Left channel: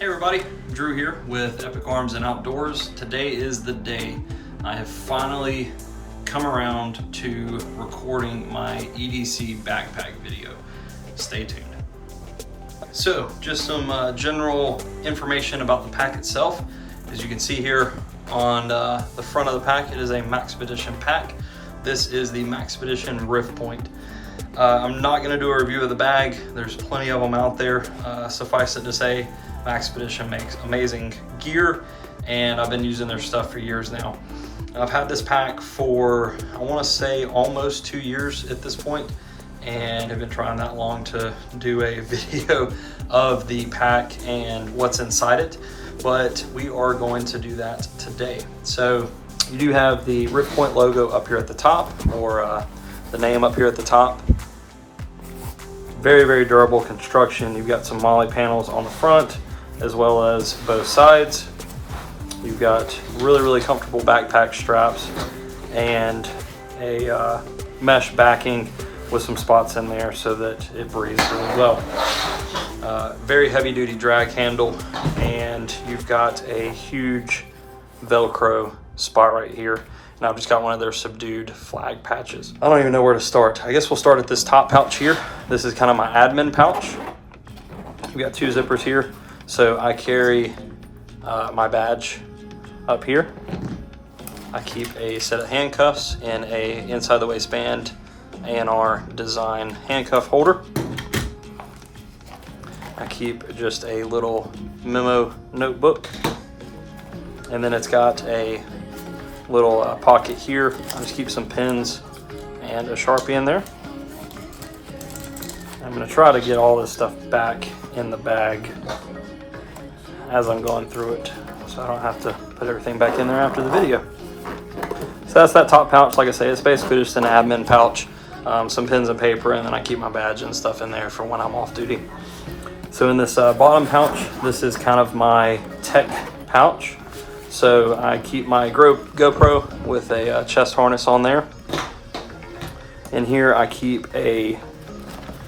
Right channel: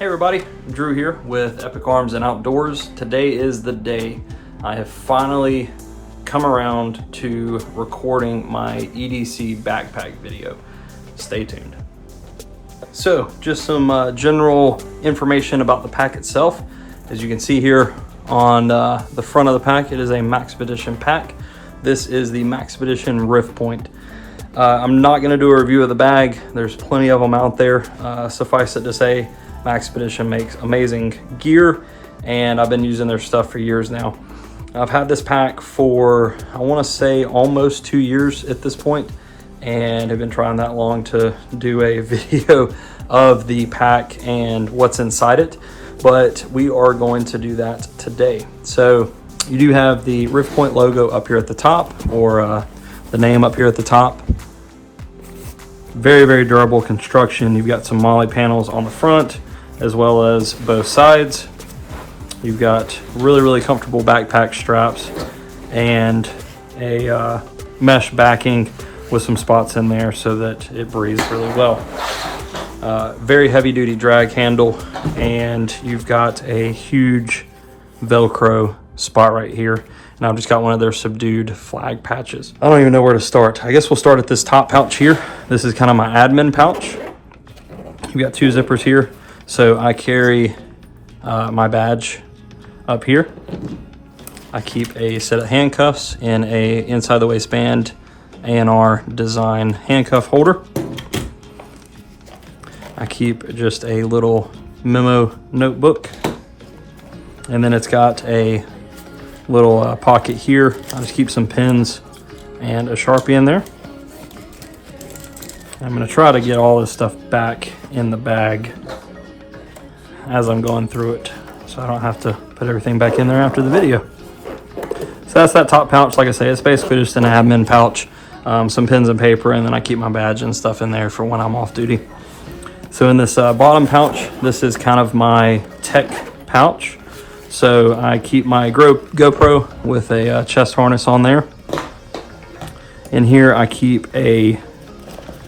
Hey everybody, Drew here with Epic Arms and Outdoors. Today is the day I have finally come around to recording my EDC backpack video. Stay tuned. So, just some general information about the pack itself. As you can see here on the front of the pack, it is a Maxpedition pack. This is the Maxpedition Riftpoint. I'm not going to do a review of the bag. There's plenty of them out there. Suffice it to say, Maxpedition makes amazing gear, and I've been using their stuff for years now. I've had this pack for, I want to say, almost 2 years at this point, and I've been trying that long to do a video of the pack and what's inside it, but we are going to do that today. So you do have the Rifpoint logo up here at the top, or the name up here at the top. Very, very durable construction. You've got some moly panels on the front as well as both sides. You've got really, really comfortable backpack straps and a mesh backing with some spots in there so that it breathes really well. Very heavy duty drag handle, and you've got a huge Velcro spot right here. And I've just got one of their subdued flag patches. I don't even know where to start. I guess we'll start at this top pouch here. This is kind of my admin pouch. You've got 2 zippers here. So I carry my badge up here. I keep a set of handcuffs in a inside the waistband NAR design handcuff holder. I keep just a little Memo notebook. And then it's got a little pocket here. Just keep some pens and a Sharpie in there. I'm going to try to get all this stuff back in the bag as I'm going through it, so I don't have to put everything back in there after the video. So that's that top pouch. Like I say, it's basically just an admin pouch, some pens and paper, and then I keep my badge and stuff in there for when I'm off duty. So in this bottom pouch, this is kind of my tech pouch. So I keep my GoPro with a chest harness on there. In here I keep a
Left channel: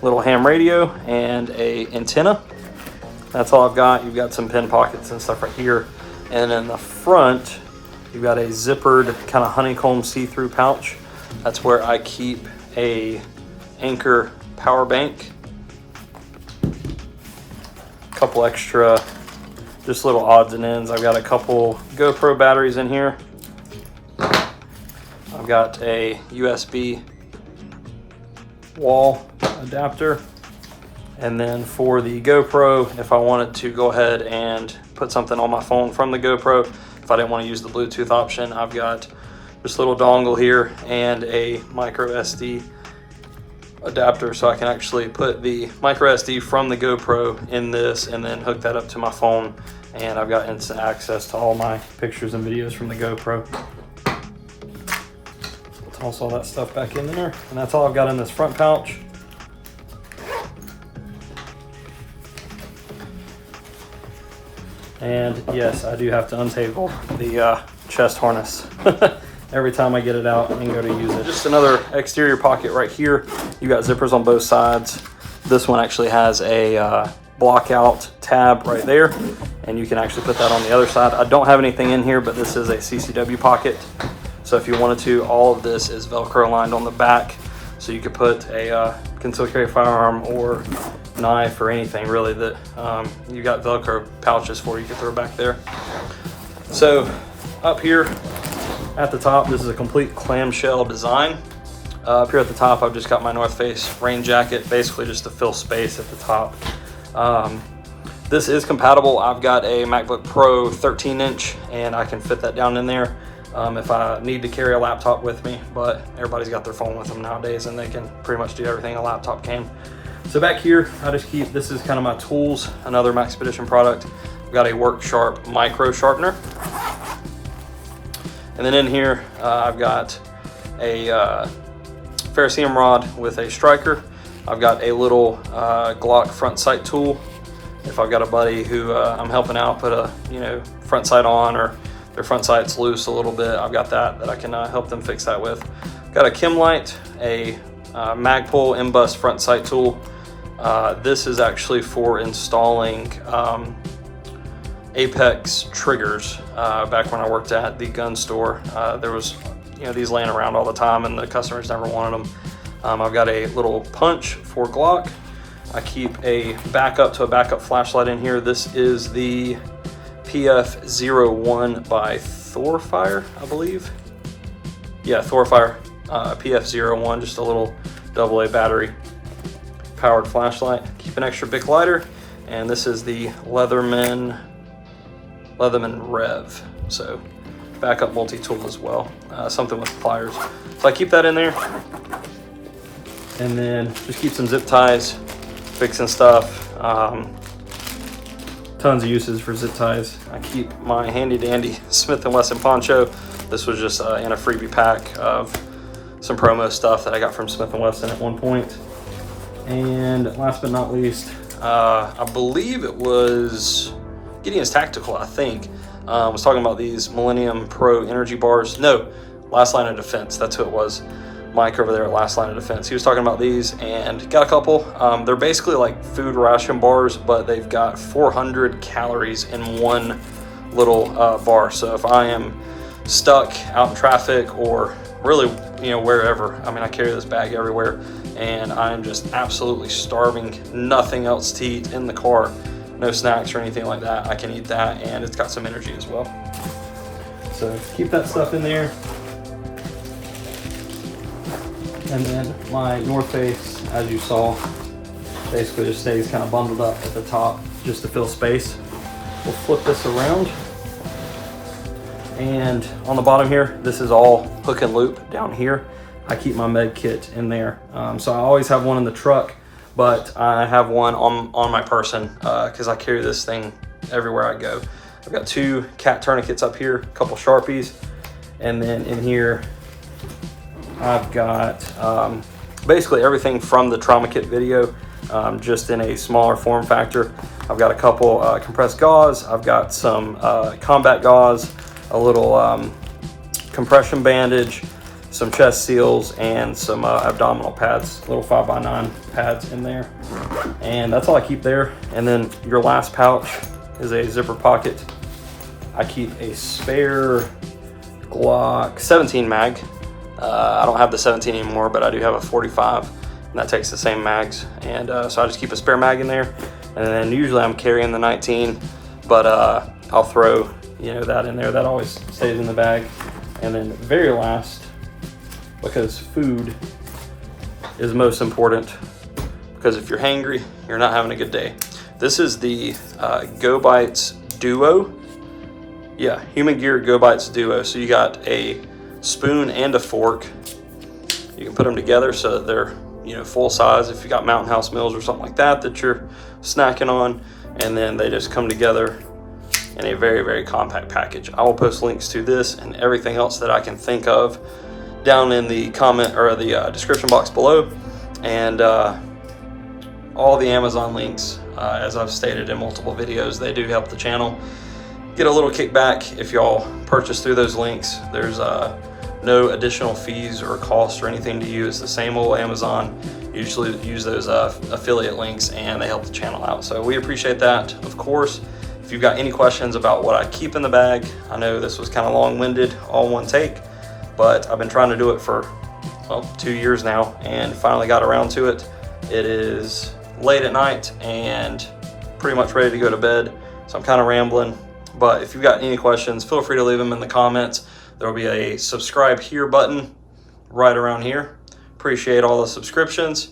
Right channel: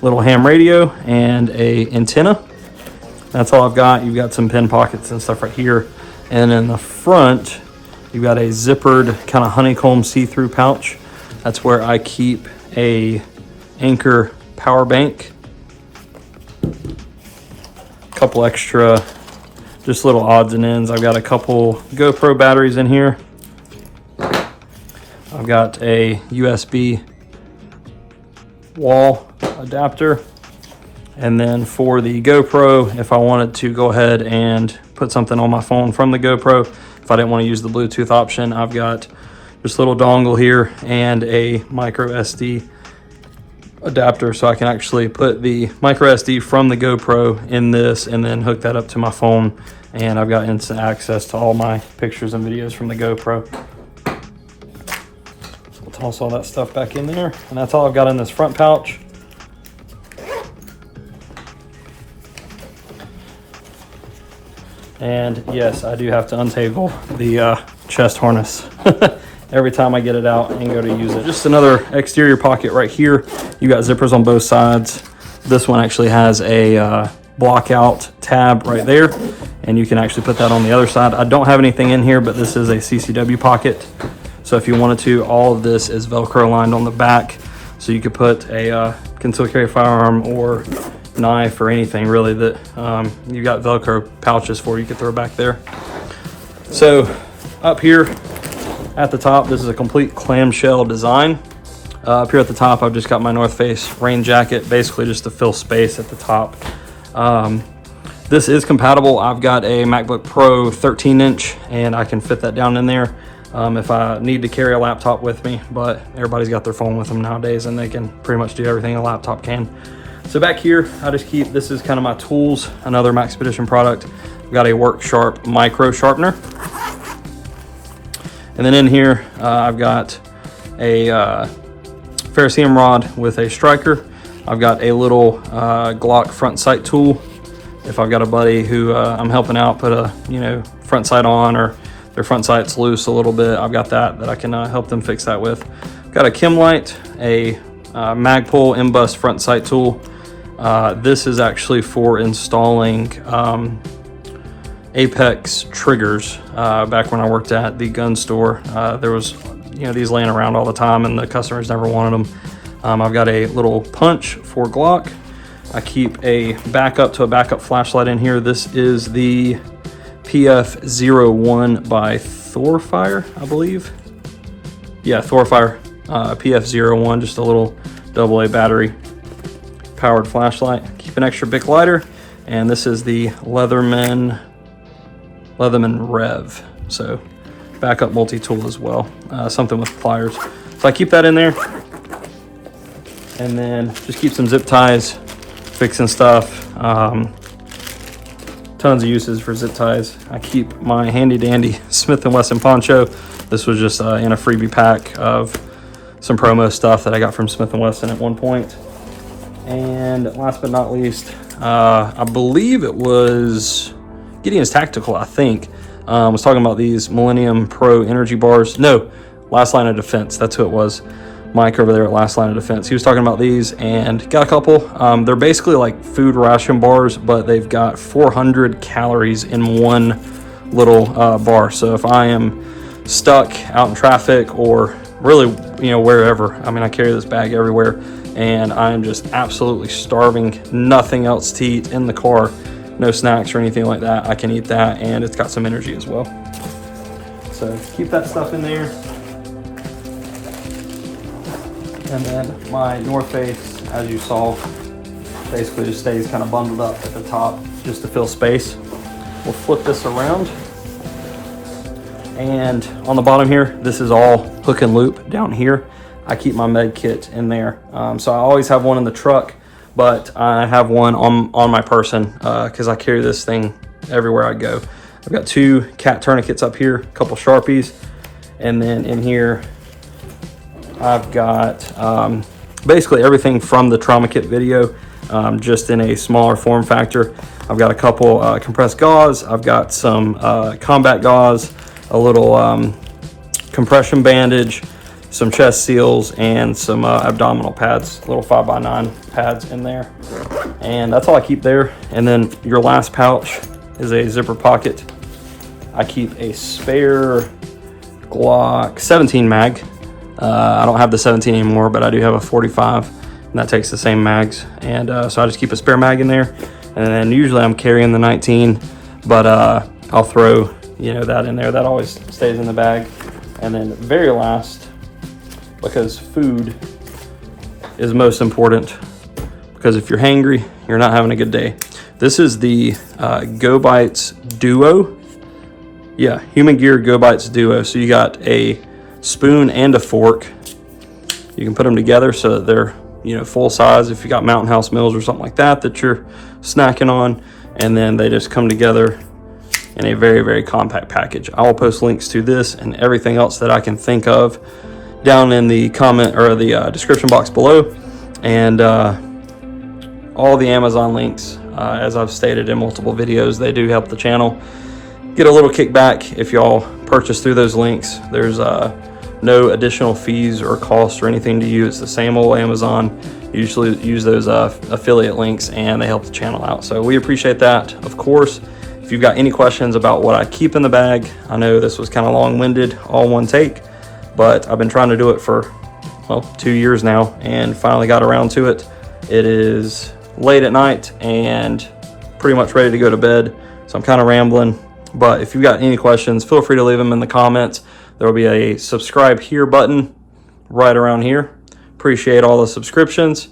little ham radio and a antenna. That's all I've got. You've got some pen pockets and stuff right here. And in the front, you've got a zippered kind of honeycomb see-through pouch. That's where I keep a Anker power bank. A couple extra just little odds and ends. I've got a couple GoPro batteries in here. I've got a USB wall adapter. And then for the GoPro, if I wanted to go ahead and put something on my phone from the GoPro, if I didn't want to use the Bluetooth option, I've got this little dongle here and a micro SD adapter, so I can actually put the micro SD from the GoPro in this and then hook that up to my phone, and I've got instant access to all my pictures and videos from the GoPro. Toss all that stuff back in there, and that's all I've got in this front pouch. And yes, I do have to untable the chest harness every time I get it out and go to use it. Just another exterior pocket right here. You got zippers on both sides. This one actually has a block-out tab right there, and you can actually put that on the other side. I don't have anything in here, but this is a CCW pocket. So if you wanted to, all of this is Velcro lined on the back, so you could put a concealed carry firearm or knife or anything really that you got Velcro pouches for, you could throw back there. So up here at the top, this is a complete clamshell design. Up here at the top, I've just got my North Face rain jacket, basically just to fill space at the top. This is compatible. I've got a MacBook Pro 13-inch, and I can fit that down in there if I need to carry a laptop with me, but everybody's got their phone with them nowadays, and they can pretty much do everything a laptop can. So back here, I just keep, this is kind of my tools, another Maxpedition product. I've got a Work Sharp micro sharpener. And then in here, I've got a ferrocerium rod with a striker. I've got a little Glock front sight tool. If I've got a buddy who I'm helping out put a front sight on, or their front sight's loose a little bit, I've got that I can help them fix that with. Got a Chem light, a Magpul M-Bus front sight tool. This is actually for installing Apex triggers back when I worked at the gun store. There was, you know, these laying around all the time and the customers never wanted them. I've got a little punch for Glock. I keep a backup to a backup flashlight in here. This is the PF01 by Thorfire, I believe. Yeah, Thorfire PF01, just a little AA battery powered flashlight. Keep an extra BIC lighter, and this is the Leatherman Rev. So backup multi-tool as well, something with pliers. So I keep that in there, and then just keep some zip ties, fixing stuff. Tons of uses for zip ties. I keep my handy dandy Smith & Wesson poncho. This was just in a freebie pack of some promo stuff that I got from Smith & Wesson at one point. And last but not least, I believe it was Gideon's Tactical, I think. I was talking about these Millennium Pro energy bars. No, Last Line of Defense, that's who it was. Mike over there at Last Line of Defense. He was talking about these and got a couple. They're basically like food ration bars, but they've got 400 calories in one little bar. So if I am stuck out in traffic or really, you know, wherever, I mean, I carry this bag everywhere and I'm just absolutely starving, nothing else to eat in the car, no snacks or anything like that, I can eat that, and it's got some energy as well. So keep that stuff in there. And then my North Face, as you saw, basically just stays kind of bundled up at the top just to fill space. We'll flip this around. And on the bottom here, this is all hook and loop down here. I keep my med kit in there. So I always have one in the truck, but I have one on my person because I carry this thing everywhere I go. I've got 2 cat tourniquets up here, a couple Sharpies, and then in here, I've got basically everything from the trauma kit video, just in a smaller form factor. I've got a couple compressed gauze. I've got some combat gauze, a little compression bandage, some chest seals, and some abdominal pads, little 5x9 pads in there. And that's all I keep there. And then your last pouch is a zipper pocket. I keep a spare Glock 17 mag. I don't have the 17 anymore, but I do have a 45, and that takes the same mags. And so I just keep a spare mag in there. And usually I'm carrying the 19, but I'll throw, you know, that in there. That always stays in the bag. And then very last, because food is most important, because if you're hangry, you're not having a good day. This is the GoBites Duo. Yeah, HumanGear GoBites Duo. So you got a spoon and a fork. You can put them together so that they're, you know, full size if you got Mountain House meals or something like that that you're snacking on, and then they just come together in a very, very compact package. I'll post links to this and everything else that I can think of down in the comment or the description box below, and all the Amazon links, as I've stated in multiple videos, they do help the channel get a little kickback if y'all purchase through those links. There's no additional fees or costs or anything to you. It's the same old Amazon. Usually use those affiliate links, and they help the channel out. So we appreciate that. Of course, if you've got any questions about what I keep in the bag, I know this was kind of long-winded, all one take, but I've been trying to do it for, well, 2 years now, and finally got around to it. It is late at night and pretty much ready to go to bed, so I'm kind of rambling. But if you've got any questions, feel free to leave them in the comments. There will be a subscribe here button right around here. Appreciate all the subscriptions.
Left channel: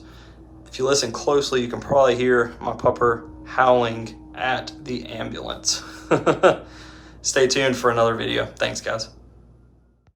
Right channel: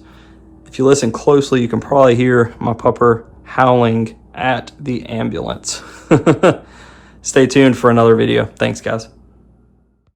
If you listen closely, you can probably hear my pupper howling at the ambulance. Stay tuned for another video. Thanks, guys.